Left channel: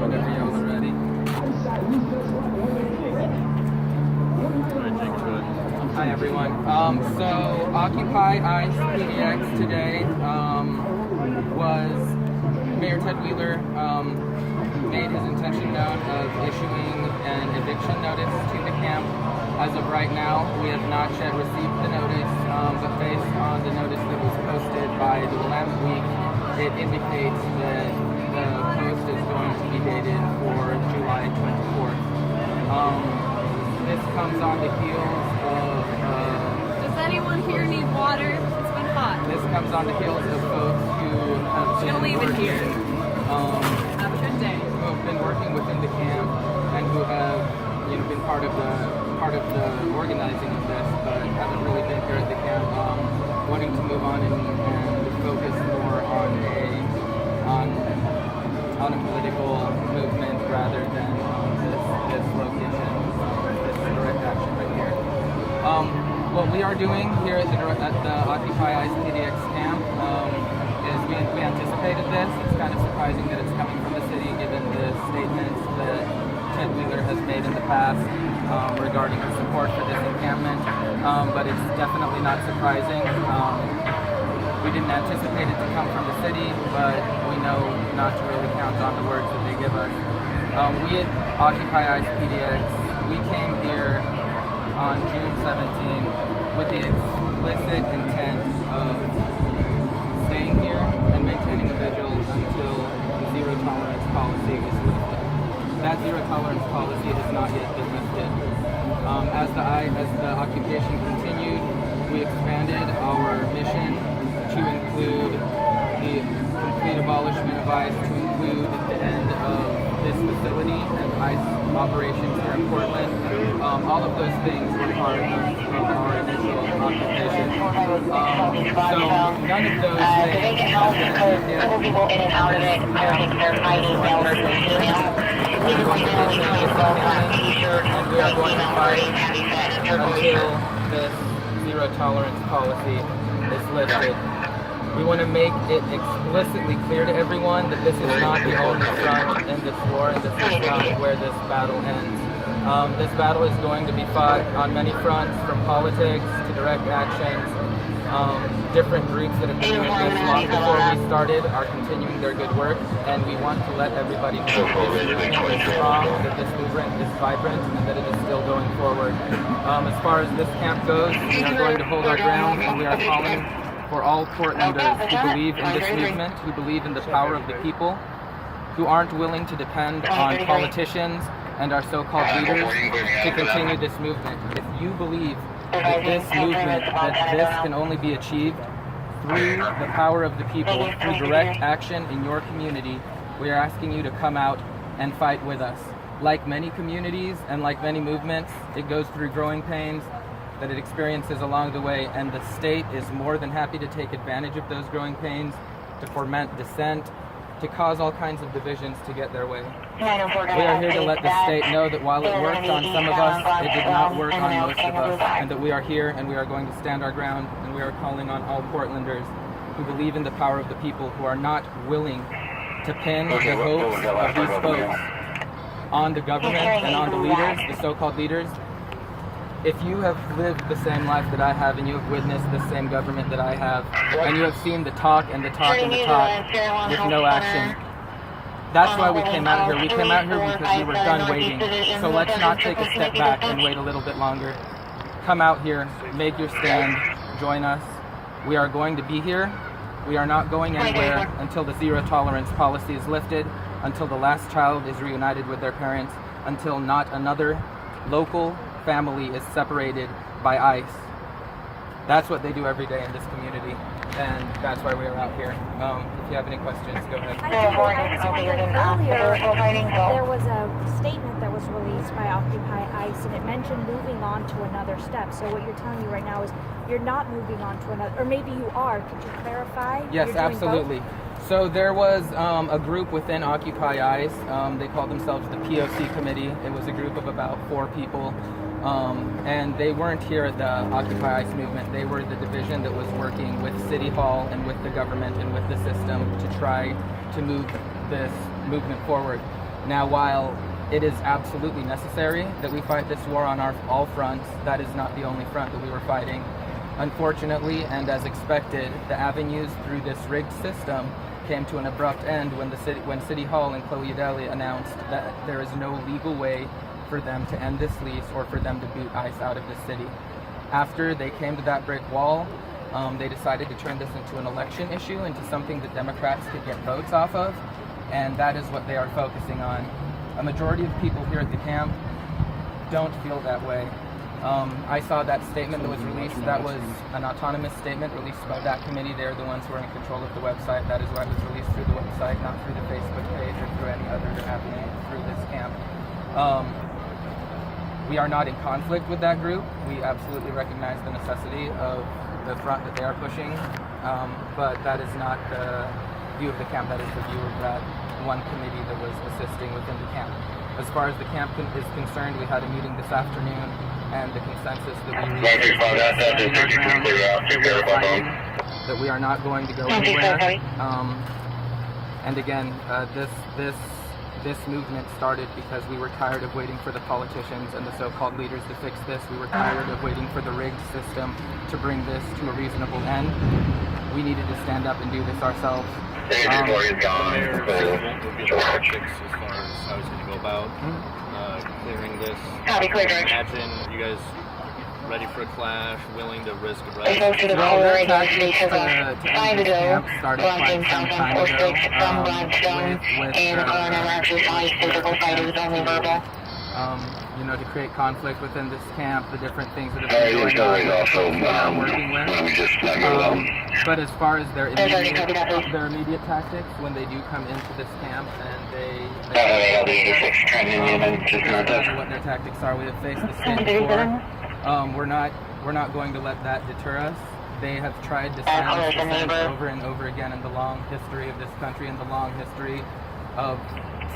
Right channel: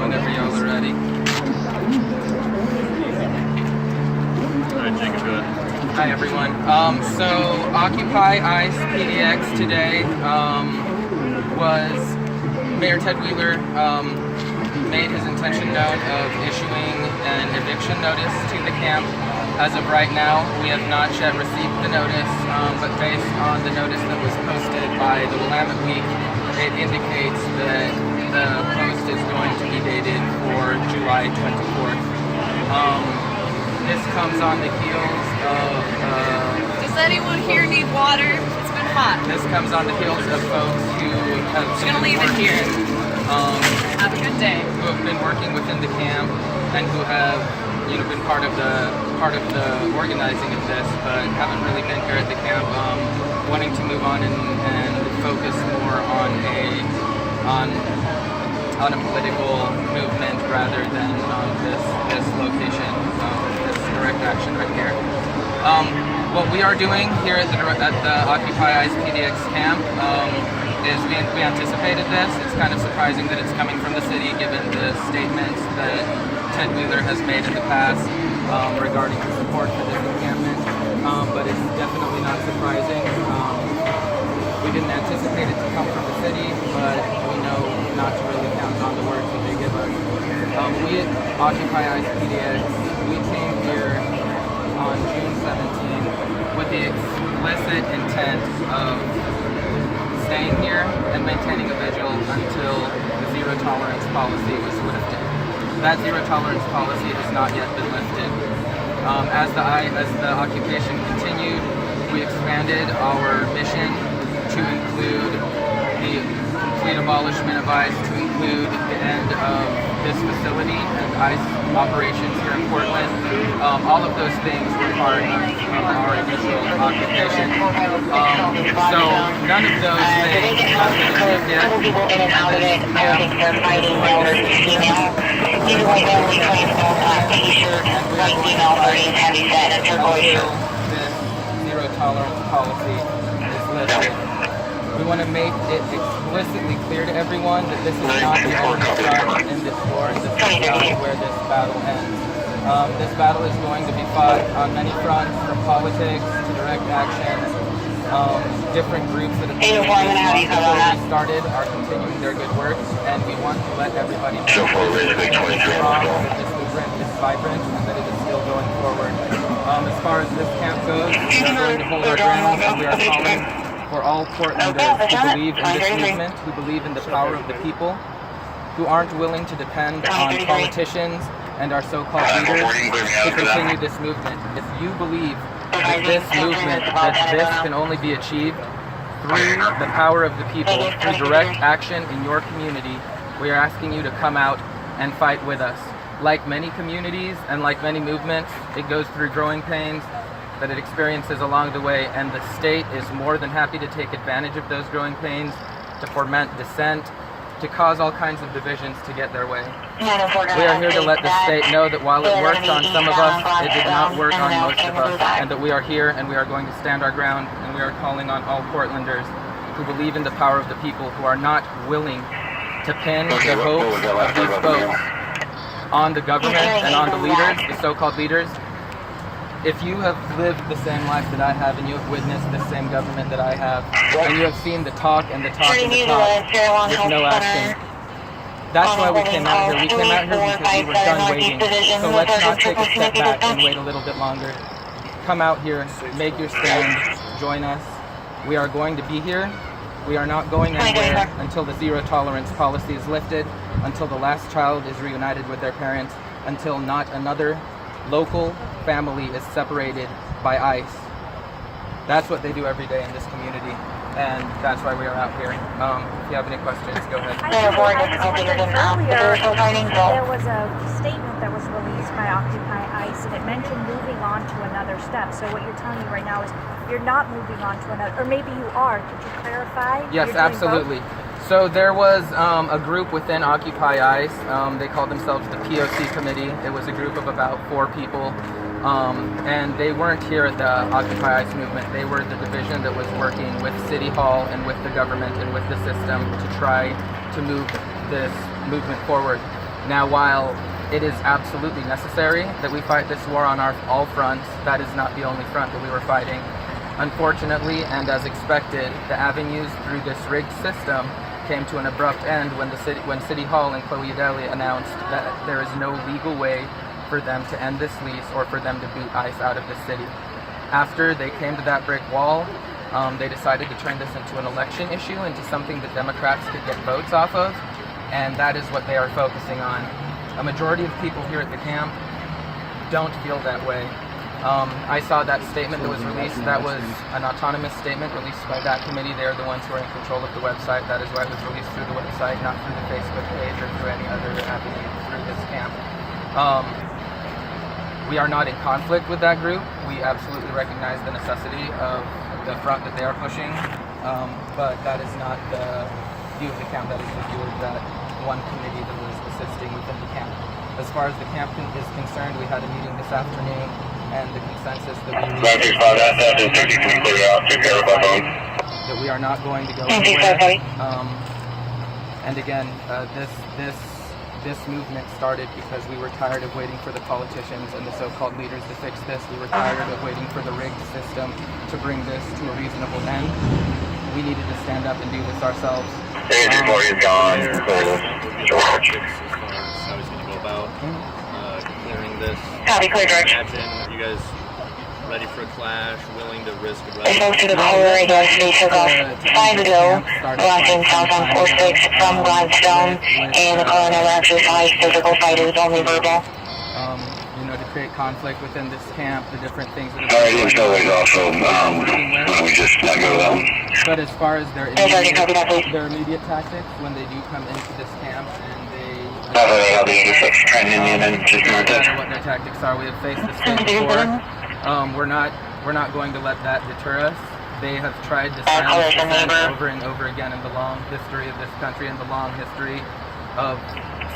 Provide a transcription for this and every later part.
Whenever y'all are ready. Alright, Jacob, go ahead. Hi everyone. So Occupy ICE PDX today was Mayor Ted Wheeler made his intention known of issuing an eviction notice to the camp. As of right now, we have not yet received the notice, but based on the notice that was posted by the Willamette Week, it indicates that the post is going to be dated for July 24th. This comes on the heels of... Does anyone here need water? It's been hot. This comes on the heels of folks who have gonna been leave it working, here. Have a good day. who have been working within the camp and who have, been part of the organizing of this, but haven't really been here at the camp, wanting to move on and focus more on a political movement rather than this location, this direct action right here. What we are doing here at the Occupy ICE PDX camp is we anticipated this. It's kind of surprising that it's coming from the city given the statements that Ted Wheeler has made in the past regarding the support for this encampment, but it's definitely not surprising. We didn't anticipate it to come from the city, but we know not to really count on the words that they give us. We at Occupy ICE PDX, we came here on June 17 with the explicit intent of staying here and maintaining a vigil until the zero tolerance policy was lifted. That zero tolerance policy has not yet been lifted. As the occupation continued, we expanded our mission to include the complete abolishment of ICE, to include the end of this facility and ICE operations here in Portland. All of those things were part of our initial occupation. So none of those things have been achieved yet, and this camp is what they're thinking. We're going to maintain this encampment, and we are going to fight until this zero tolerance policy is lifted. We want to make it explicitly clear to everyone that this is not the only front in this war, and this is not where this battle ends. This battle is going to be fought on many fronts, from politics to direct actions. Different groups that have been doing this long before we started are continuing their good work, and we want to let everybody know that this movement is strong, that this movement is vibrant, and that it is still going forward. As far as this camp goes, we are going to hold our ground, and we are calling for all Portlanders who believe in this movement, who believe in the power of the people, who aren't willing to depend on politicians and our so-called leaders to continue this movement. If you believe that this movement, that this can only be achieved through the power of the people, through direct action in your community, we are asking you to come out and fight with us. Like many communities and like many movements, it goes through growing pains that it experiences along the way, and the state is more than happy to take advantage of those growing pains, to foment dissent, to cause all kinds of divisions to get their way. We are here to let the state know that while it worked on some of us, it did not work on most of us, and that we are here and we are going to stand our ground, and we are calling on all Portlanders who believe in the power of the people, who are not willing to pin the hopes of these folks on the government and on the leaders, the so-called leaders. If you have lived the same life that I have, and you have witnessed the same government that I have, and you have seen the talk and the talk and the talk with no action, that's why we came out here. We came out here because we were done waiting. So let's not take a step back and wait a little bit longer. Come out here, make your stand, join us. We are going to be here. We are not going anywhere until the zero tolerance policy is lifted, until the last child is reunited with their parents, until not another local family is separated by ICE. That's what they do every day in this community. and that's why we are out here. If you have any questions, go ahead. I was wondering earlier, there was a statement that was released by Occupy ICE, and it mentioned moving on to another step. So what you're telling me right now is you're not moving on to another, or maybe you are. Could you clarify? Yes, You're doing absolutely. both? So there was a group within Occupy ICE. They called themselves the POC Committee. It was a group of about 4 people. And they weren't here at the Occupy ICE movement. They were the division that was working with City Hall and with the government and with the system to try to move this movement forward. Now, while it is absolutely necessary that we fight this war on all fronts, that is not the only front that we were fighting. Unfortunately, and as expected, the avenues through this rigged system came to an abrupt end when City Hall and Chloe Eudaly announced that there is no legal way for them to end this lease or for them to boot ICE out of the city. After they came to that brick wall, they decided to turn this into an election issue, into something that Democrats could get votes off of, and that is what they are focusing on. A majority of people here at the camp don't feel that way. I saw that statement that was released. That was an autonomous statement released by that committee. They're the ones who are in control of the website. That is why it was released through the website, not through the Facebook page or through any other avenue through this camp. We are not in conflict with that group. We absolutely recognize the necessity of the front that they are pushing, but that is not the view of the camp. That is the view of that one committee that was assisting within the camp. As far as the camp is concerned, we had a meeting this afternoon, and the consensus that we reached is standing our ground, that we are fighting, that we are not going to go anywhere. And again, this movement started because we were tired of waiting for the politicians and the so-called leaders to fix this. We were tired of waiting for the rigged system to bring this to a reasonable end. We needed to stand up and do this ourselves. As far as how he's going to go about clearing this. Imagine you guys ready for a clash, willing to risk arrest. Well, this tactic to end the camp started quite some time ago you know, to create conflict within this camp, the different things that have been going on, the folks that we are working with. But as far as their immediate tactics, when they do come into this camp and they doesn't matter what their tactics are. We have faced this thing before. We're not going to let that deter us. They have tried to silence dissent over and over again in the long history of this country and the long history of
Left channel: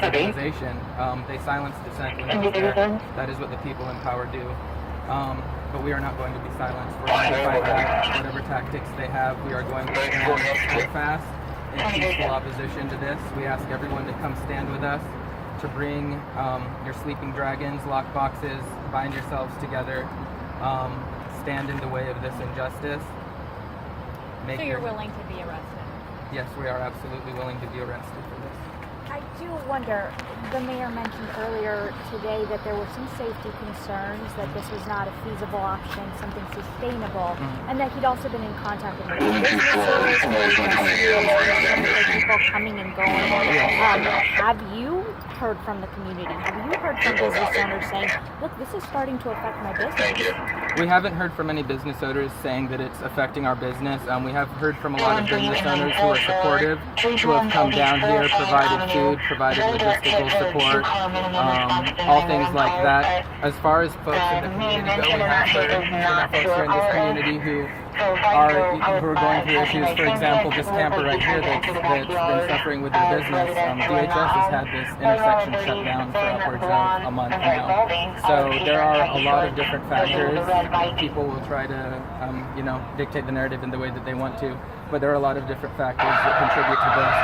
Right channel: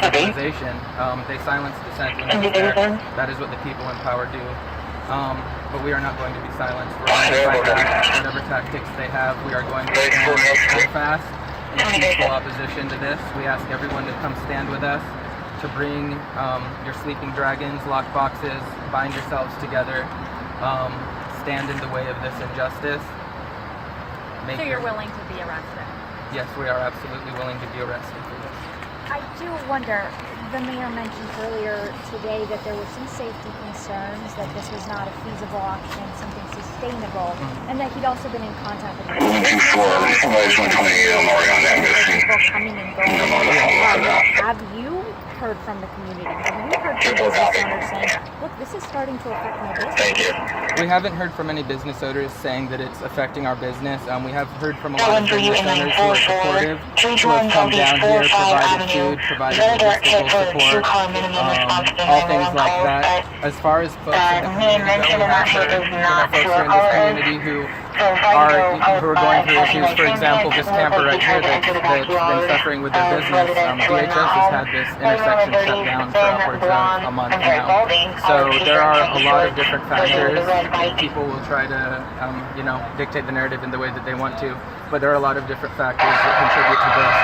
civilization. They silence dissent when it's there. That is what the people in power do. But we are not going to be silenced. We're going to fight back whatever tactics they have. We are going to stand steadfast in peaceful opposition to this. We ask everyone to come stand with us, to bring your sleeping dragons, lock boxes, bind yourselves together, stand in the way of this injustice. So you're willing to be arrested? Yes, we are absolutely willing to be arrested for this. I do wonder, the mayor mentioned earlier today that there were some safety concerns, that this was not a feasible option, something sustainable, and that he'd also been in contact with people coming and going. Have you heard from the community? Have you heard from business owners saying, look, this is starting to affect my business? We haven't heard from any business owners saying that it's affecting our business. We have heard from a lot of business owners who are supportive, who have come down here, provided food, provided logistical support, all things like that. As far as folks in the community go, we have heard folks who are in this community who are going through issues. For example, this camper right here that's been suffering with their business. DHS has had this intersection shut down for upwards of a month now. So there are a lot of different factors. People will try to, dictate the narrative in the way that they want to, but there are a lot of different factors that contribute to this.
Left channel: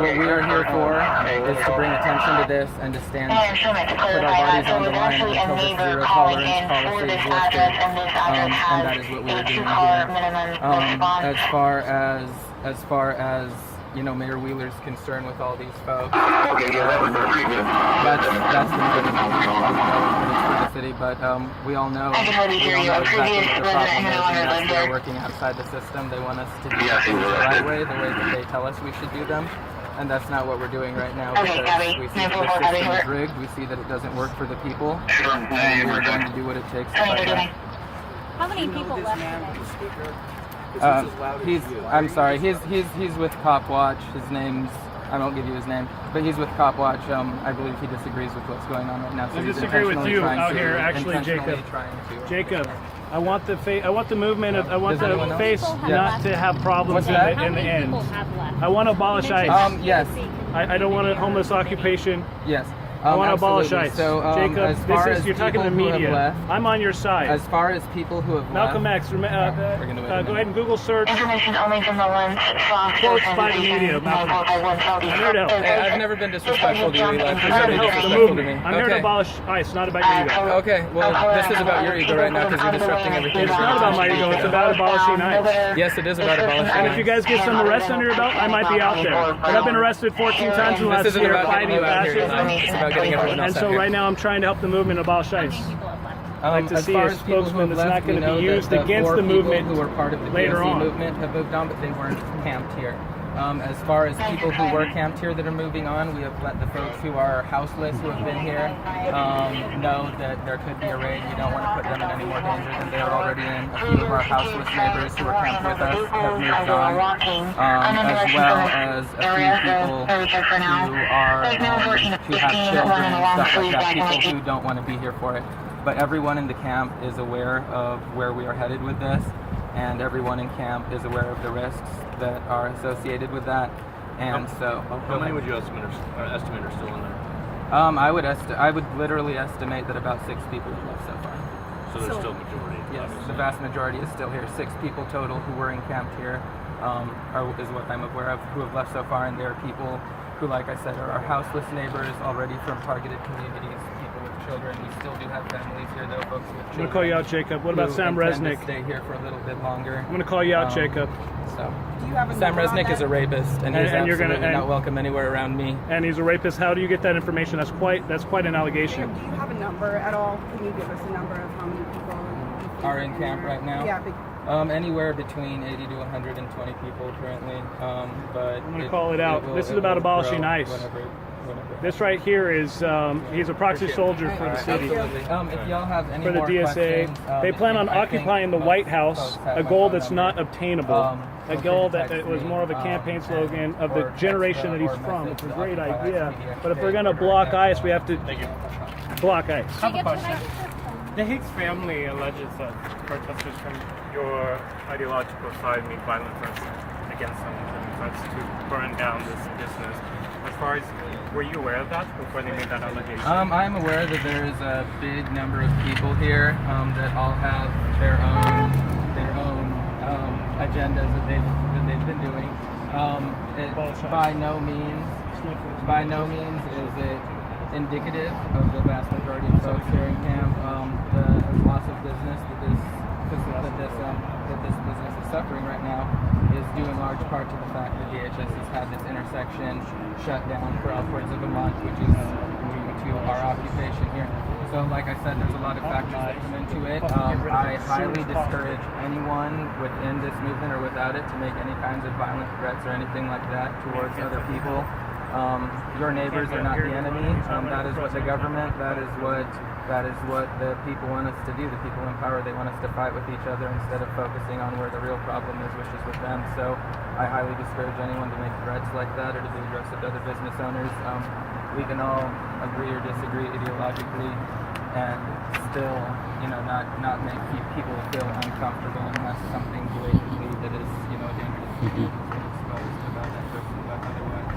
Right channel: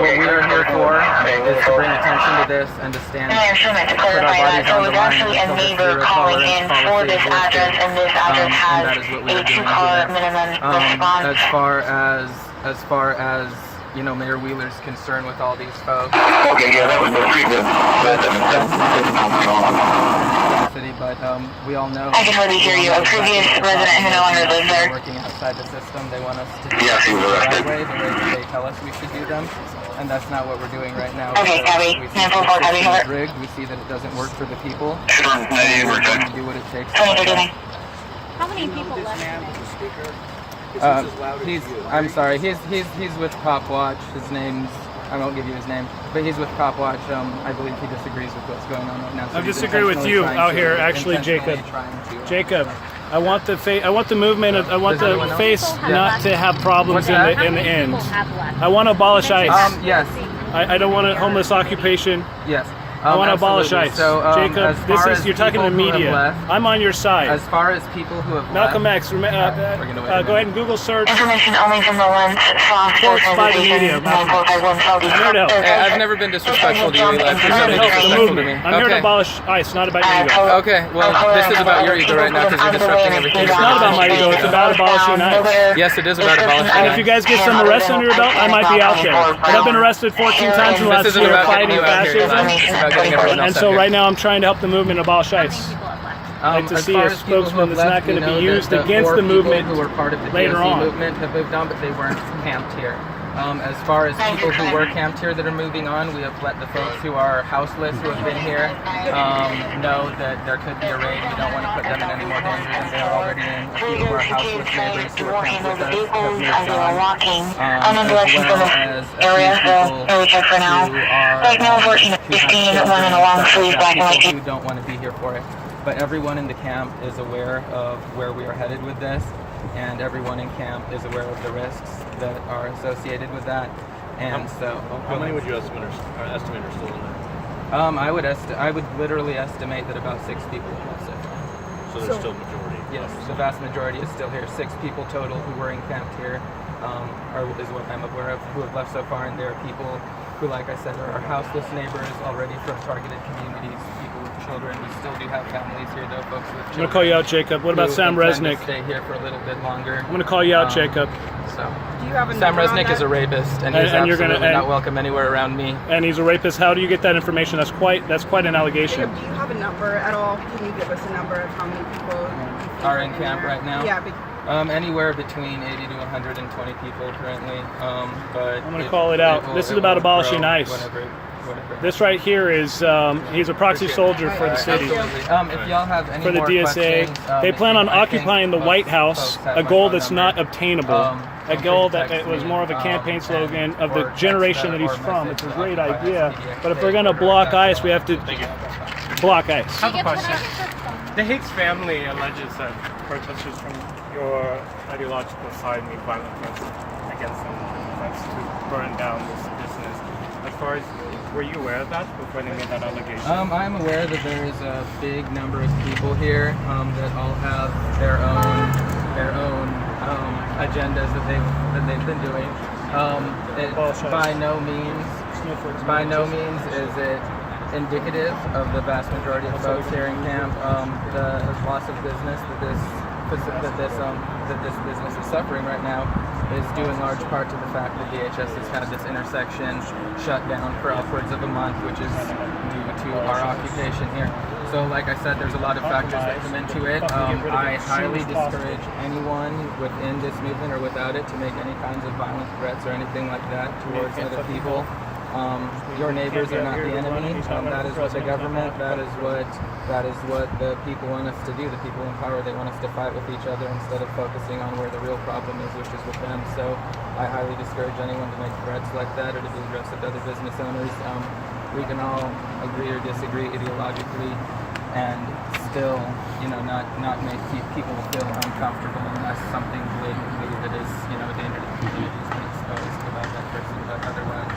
What we are here for is to bring attention to this and to stand, put our bodies on the line until this zero tolerance policy is lifted, and that is what we are doing here. As far as Mayor Wheeler's concern with all these folks, that's for the city, but we all know exactly what the problem is, and that's they're working outside the system. They want us to do things the right way, the way that they tell us we should do them. And that's not what we're doing right now, because we see that the system is rigged, we see that it doesn't work for the people, and we're going to do what it takes to fight back. How many people left? I'm sorry. He's with Cop Watch. His name's, I won't give you his name, but he's with Cop Watch. I believe he disagrees with what's going on right now. So I he's disagree with you intentionally out trying here, to- actually, intentionally Jacob. trying to- Jacob, I want the movement. I want Does anyone the else? face Yeah. not to have problems What's in that? the, in the end. People have left. I want to abolish ICE. Yes. I don't want a homeless occupation. Yes. I want to abolish absolutely. ICE. So, Jacob, as far this is as you're talking to people who have media. left- I'm on your side. As far as people who have Malcolm left, X, we're gonna wait a go ahead and Google search. Information only from the lens. Force by the media. Malcolm. I'm here to help. Hey, I've never been disrespectful to you, Eli. Please I'm don't here be to help the disrespectful to me. movement. I'm here to Okay. abolish ICE, not about your ego. Okay. Well, this is about your ego right now because you're disrupting everything. It's not about my ego. It's about abolishing ICE. Yes, it is about abolishing And if you guys get some arrests under your belt, I might be out there. But I've been arrested 14 times in the last This isn't year about getting fighting you out here, Eli. fascism. It's about getting everyone else And out so here. right now I'm trying to help the movement abolish How many ICE. people have left? I'd like to as see far a as people who spokesman have that's not left, we going to know be that used the against four the movement people who were part of the later DOC on. movement have moved on, but they weren't camped here. As far as people who were camped here that are moving on, we have let the folks who are houseless who have been here know that there could be a raid. We don't want to put them in any more danger than they are already in. A few of our houseless neighbors who are camped with us have moved on, as well as a few people who are who have children and stuff like that, people who don't want to be here for it. But everyone in the camp is aware of where we are headed with this, and everyone in camp is aware of the risks that are associated with that. And so, How many would you estimate are still in there? I would literally estimate that about 6 people have left so far. So there's still a majority. Yes, the vast majority is still here. 6 people total who were encamped here is what I'm aware of who have left so far, and there are people who, like I said, are our houseless neighbors already from targeted communities, people with children. We still do have families here, though, folks with children. I'm going to call you out, Jacob. What about who Sam intend to Resnick? Stay here for a little bit longer. I'm going to call you out, Jacob. So, Do you have a Sam number on Resnick that? is a rapist, and he's And you're absolutely gonna- not welcome anywhere around me. And he's a rapist. How do you get that information? That's quite an allegation. Jacob, do you have a number at all? Can you give us a number of how many people you think Are in there? camp right now? Yeah. Anywhere between 80 to 120 people currently. But I'm gonna call it out. This is about abolishing ICE. Whatever. This right here is he's a proxy soldier for the city. Absolutely. If y'all have any For the more DSA, questions, they plan on I think occupying the most White House, folks have a my goal phone that's number. not obtainable, Feel a free goal to that text was me, more of a campaign slogan of or the text generation that he's or from. It's a message great the idea. Occupy But if we're gonna block ICE, we have to block ICE. I have a question. The Hicks family alleges that protesters from your ideological side make violent threats against them and threats to burn down this business. As far as, were you aware of that before they made that allegation? I'm aware that there is a big number of people here that all have their own agendas that they've been doing. By no means is it indicative of the vast majority of folks here in camp. The loss of business that this business is suffering right now is due in large part to the fact that DHS has had this intersection shut down for upwards of a month, which is due to our occupation here. So like I said, there's a lot of factors that come into it. I highly discourage anyone within this movement or without it to make any kinds of violent threats or anything like that towards other people. Your neighbors are not the enemy. That is what the government, that is what the people want us to do. The people in power, they want us to fight with each other instead of focusing on where the real problem is, which is with them. So I highly discourage anyone to make threats like that or to be aggressive to other business owners. We can all agree or disagree ideologically and still, not make people feel uncomfortable unless something blatantly that is, a danger to the community has been exposed about that person. But otherwise,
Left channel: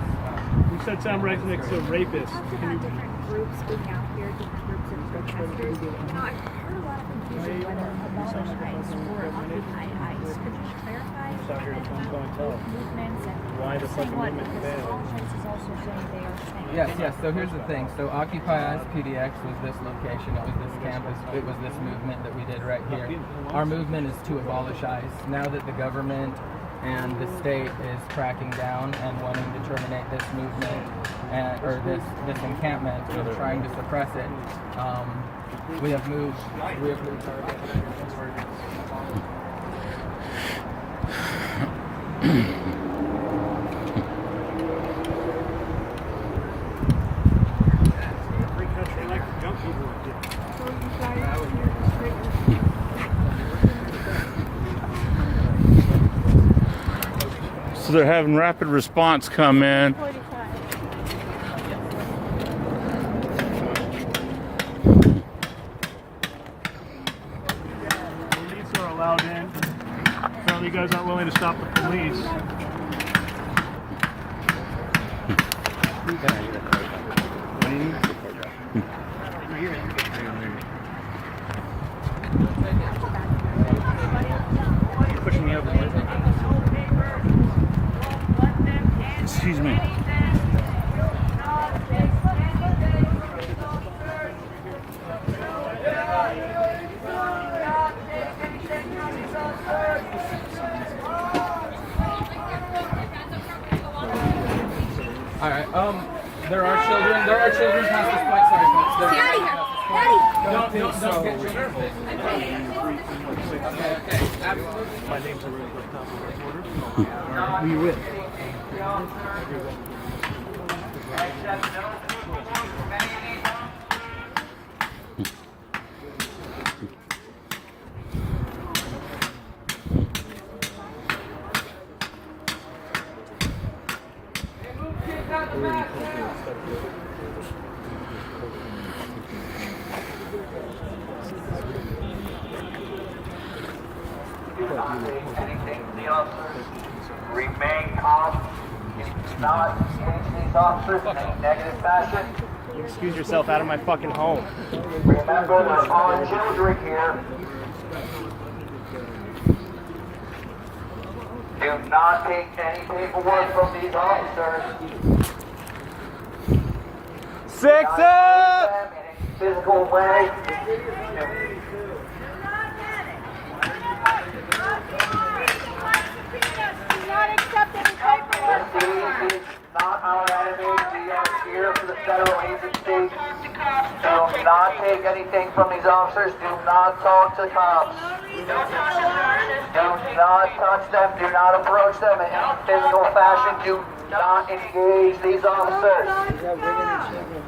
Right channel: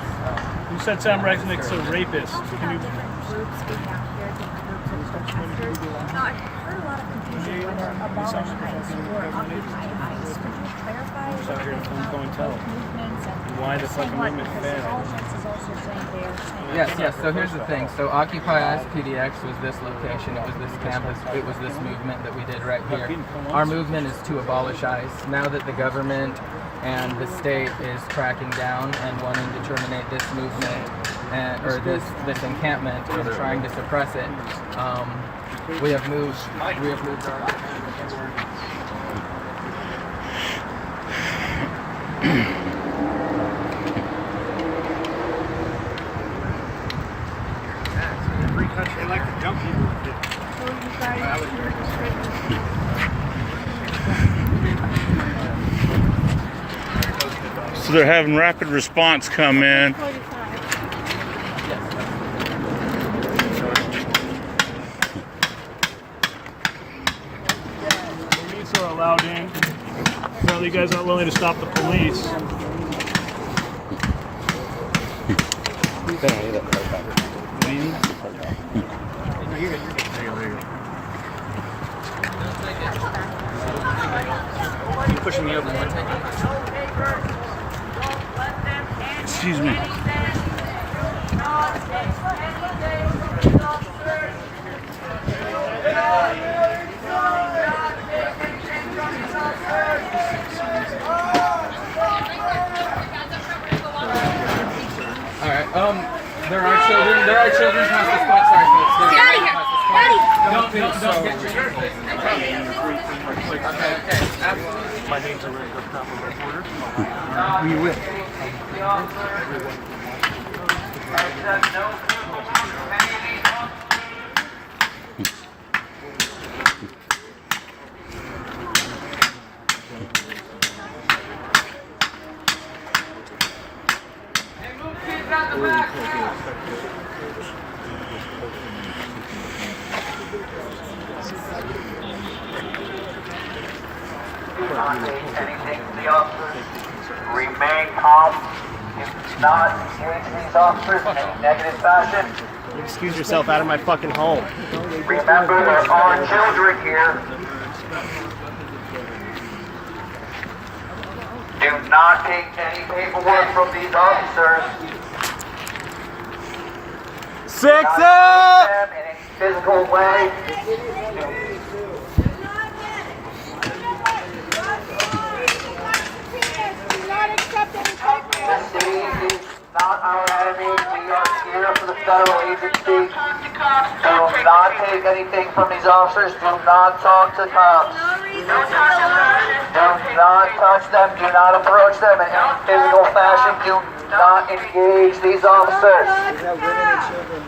You said Sam Resnick's a rapist. Also Can you? have different groups being out here, different groups of protesters. Now, I've heard a lot of confusion whether abolish ICE or occupy ICE. Could you clarify a little bit about both movements and Why does saying the what? movement Because fail? abolish ICE is also saying they are saying. yes. So here's the thing. So Occupy ICE PDX was this location. It was this campus. It was this movement that we did right here. Our movement is to abolish ICE. Now that the government and the state is cracking down and wanting to terminate this movement or this encampment and trying to suppress it, we have moved our Free country, they like to jump people with it. So you guys So they're having rapid response come in. Police are allowed in. Apparently, you guys aren't willing to stop the police. You're pushing me over. Excuse me. All right. There are children. There are children past this point. Sorry, folks. There's Get out of here! Don't get children. Okay. Absolutely. My name's Rick, I'm a reporter. Who you with? Hey, move kids out the back. Do not take anything from the officers. Remain calm. If not engage these officers in any negative fashion. You excuse yourself out of my fucking home. Remember, there are children here. Do not take any paperwork from these officers. Six Not up! use them in any physical way. Do not accept any paperwork. The city is not our enemy. We are here for the federal agency. Do not take anything from these officers. Do not talk to cops. Do not touch them. Do not approach them in any physical fashion. Do not engage these officers.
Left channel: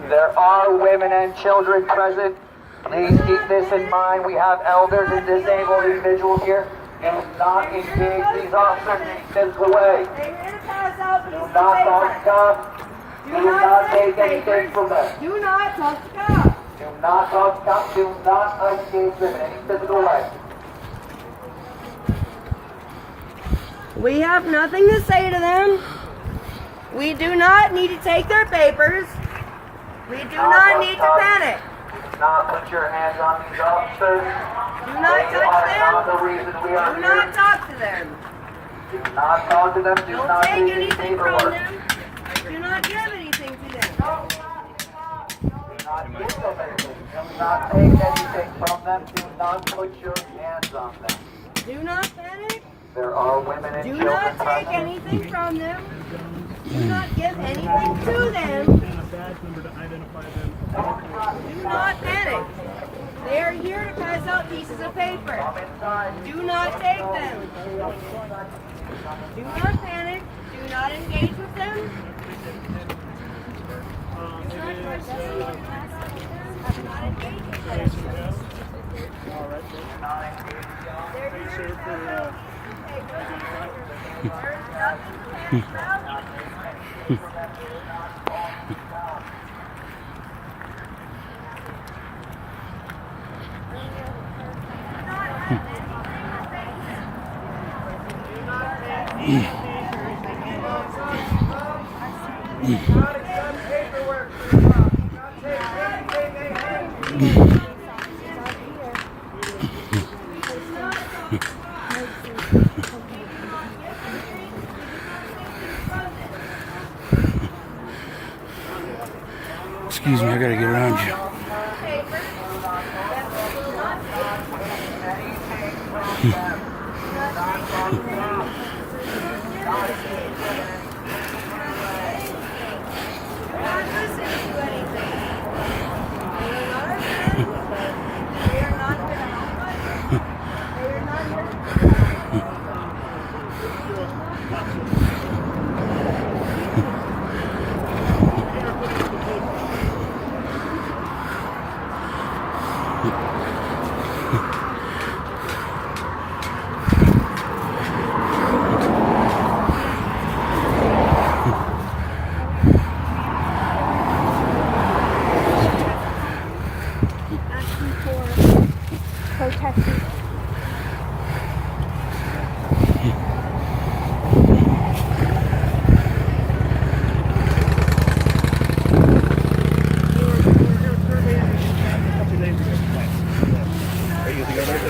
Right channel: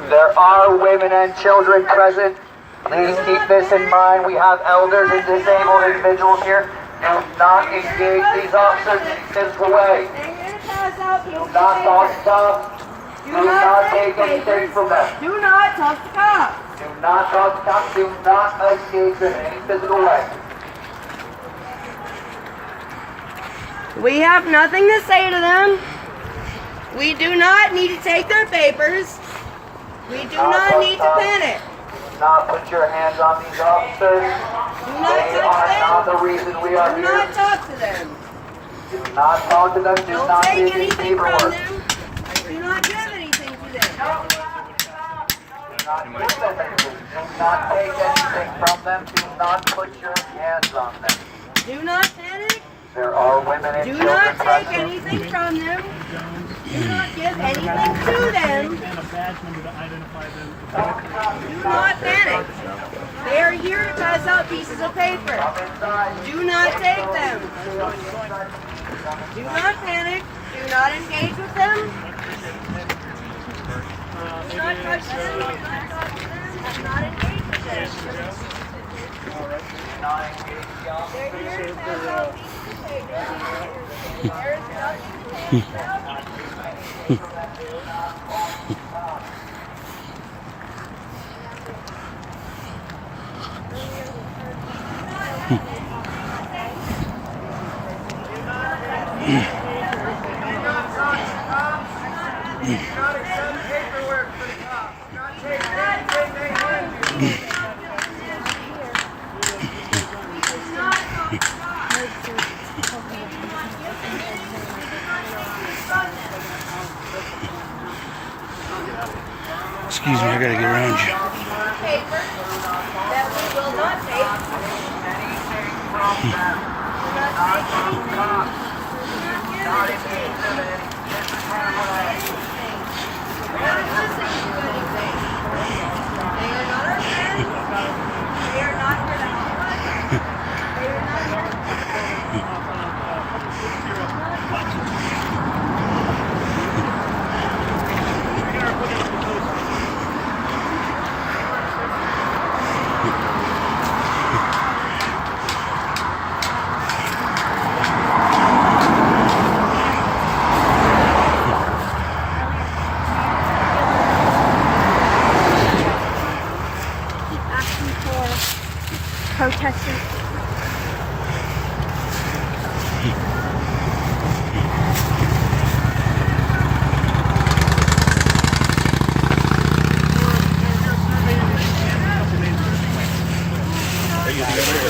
There are women and children present. Please keep this in mind. We have elders and disabled individuals here. Do not engage these officers in any physical way. Do not talk to cops. Do not take anything from them. Do not talk to cops. Do not talk to cops. Do not engage them in any physical way. We have nothing to say to them. We do not need to take their papers. We do not need to panic. Do not put your hands on these officers. Do not They are touch not them. the reason we are Do here. not talk to them. Do not talk to them. Do Don't not take take any anything from paperwork. them. Do not give anything to them. Do not give them anything. Do not take anything from them. Do not put your hands on them. Do not panic. There are women and Do children not take present. anything from them. Do not give anything to them. And a badge number to identify them. Do not panic. They are here to pass out pieces of paper. Do not take them. Do not panic. Do not engage with them. Do not touch them. Do not talk to them. Do not engage with them. They're here to pass out pieces of paper. There is nothing to panic about. Do not accept paperwork from the cops. Do not take anything they hand you. Excuse me, I gotta get around you. Paper that we will not take. Anything from them.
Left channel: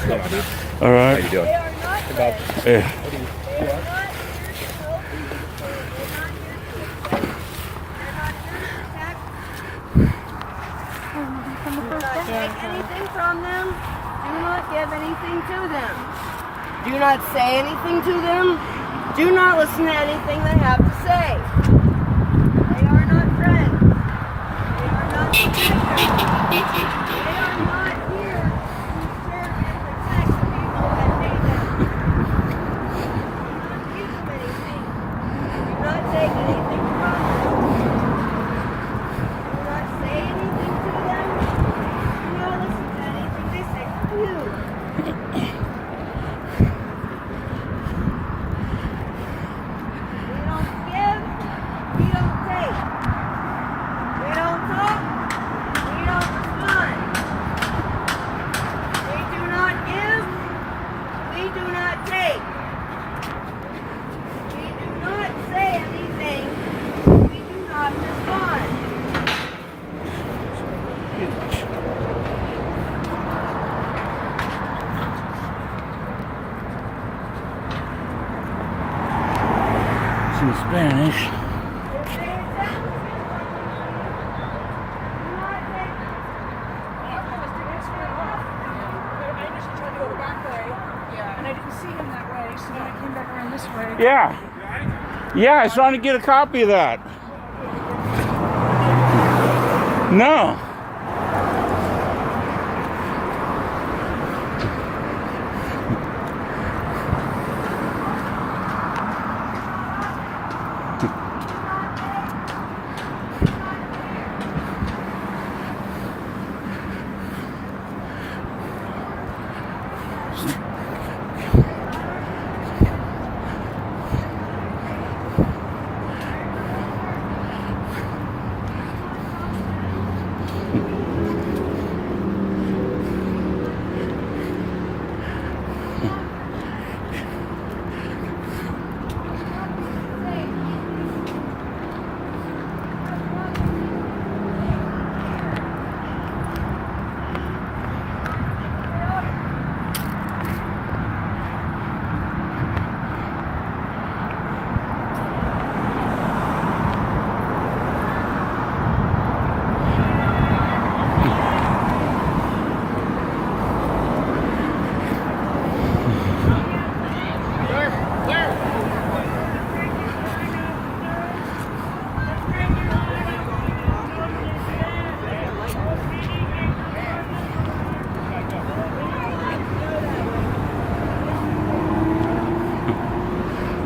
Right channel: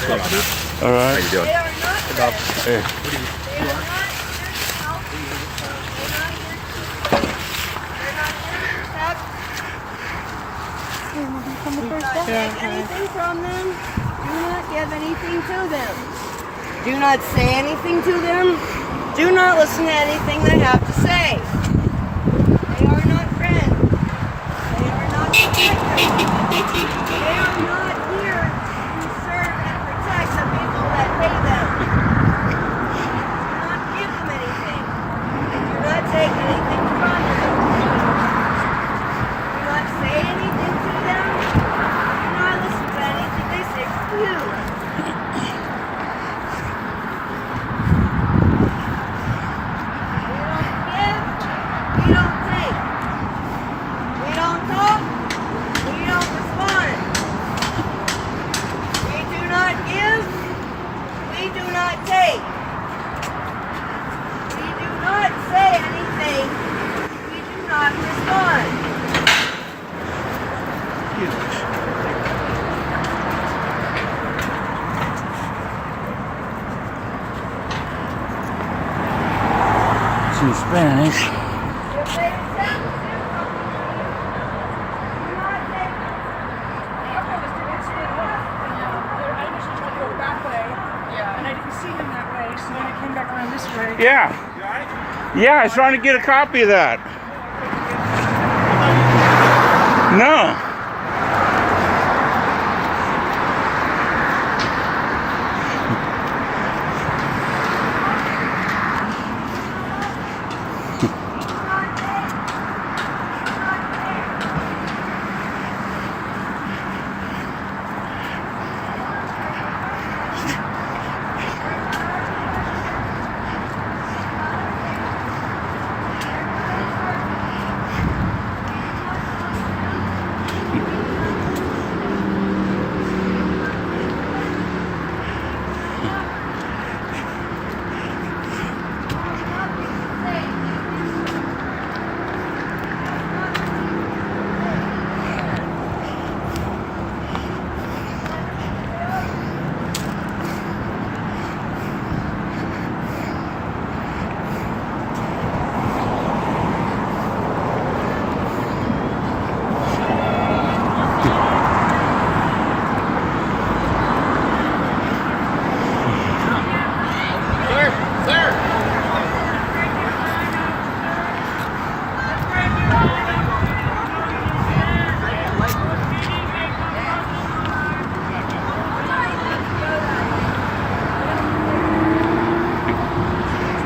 All right. They are not friends. Hey. They are not here to help you. They're not here to protect. Do not take anything from them. Do not give anything to them. Do not say anything to them. Do not listen to anything they have to say. They are not friends. They are not protectors. They are not here to serve and protect the people that pay them. Do not give them anything. Do not take anything from them. Do not say anything to them. Do not listen to anything they say to you. We don't give, we don't take. We don't talk, we don't respond. We do not give, we do not take. We do not say anything, we do not respond. It's in Spanish. If they accept the do not take. And I didn't see him that way, so when I came back around this way. Yeah. Yeah, I was trying to get a copy of that. No.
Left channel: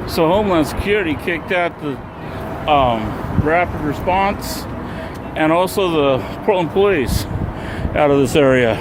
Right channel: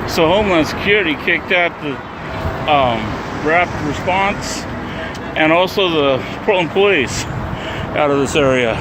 So Homeland Security kicked out the rapid response and also the Portland Police out of this area.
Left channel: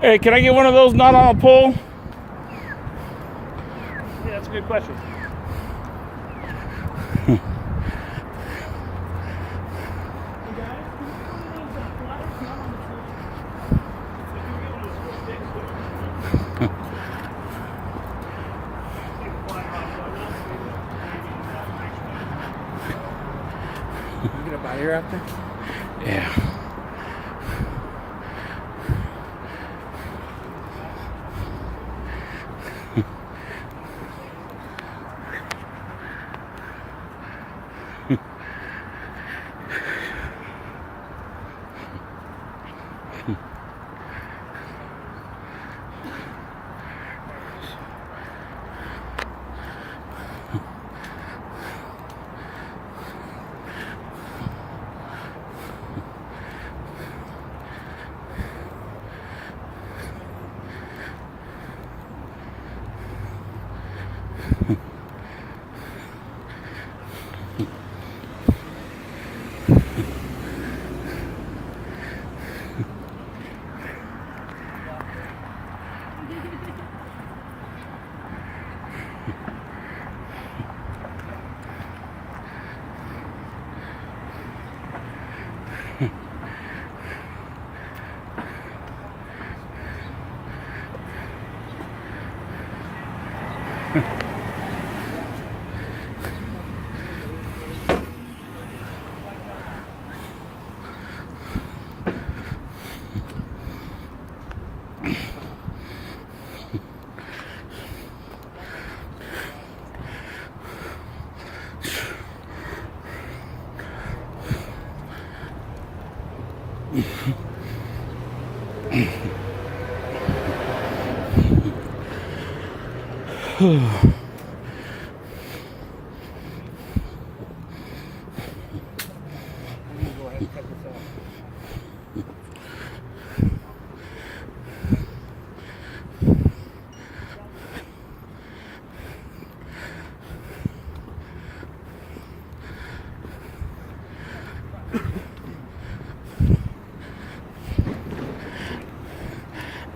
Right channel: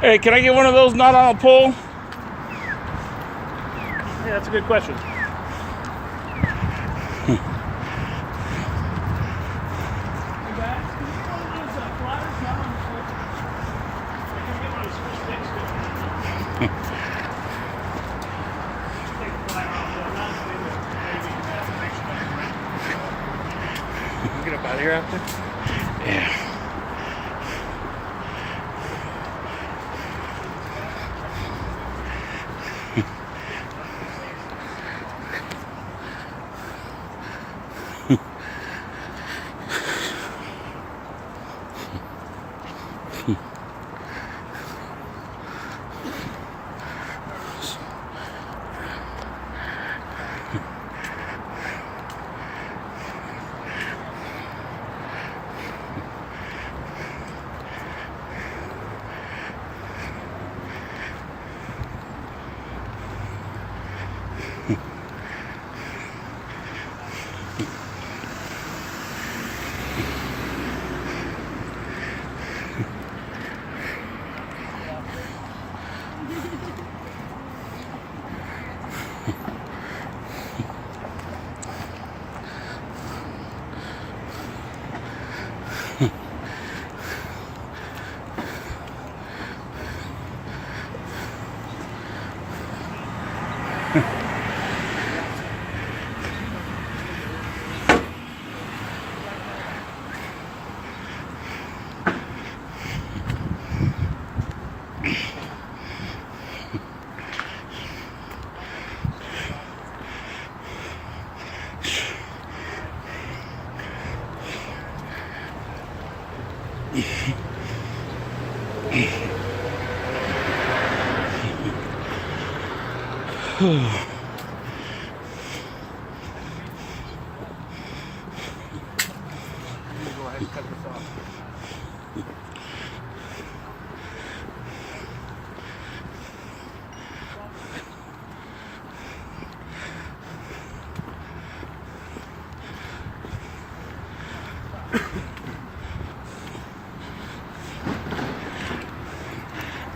Hey, can I get one of those not on a pole? Yeah, that's a good question. of here after? Yeah.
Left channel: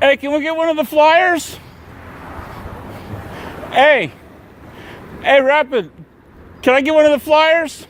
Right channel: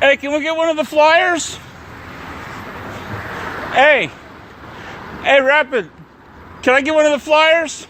Hey, can we get one of the flyers? Hey, Rapid, can I get one of the flyers?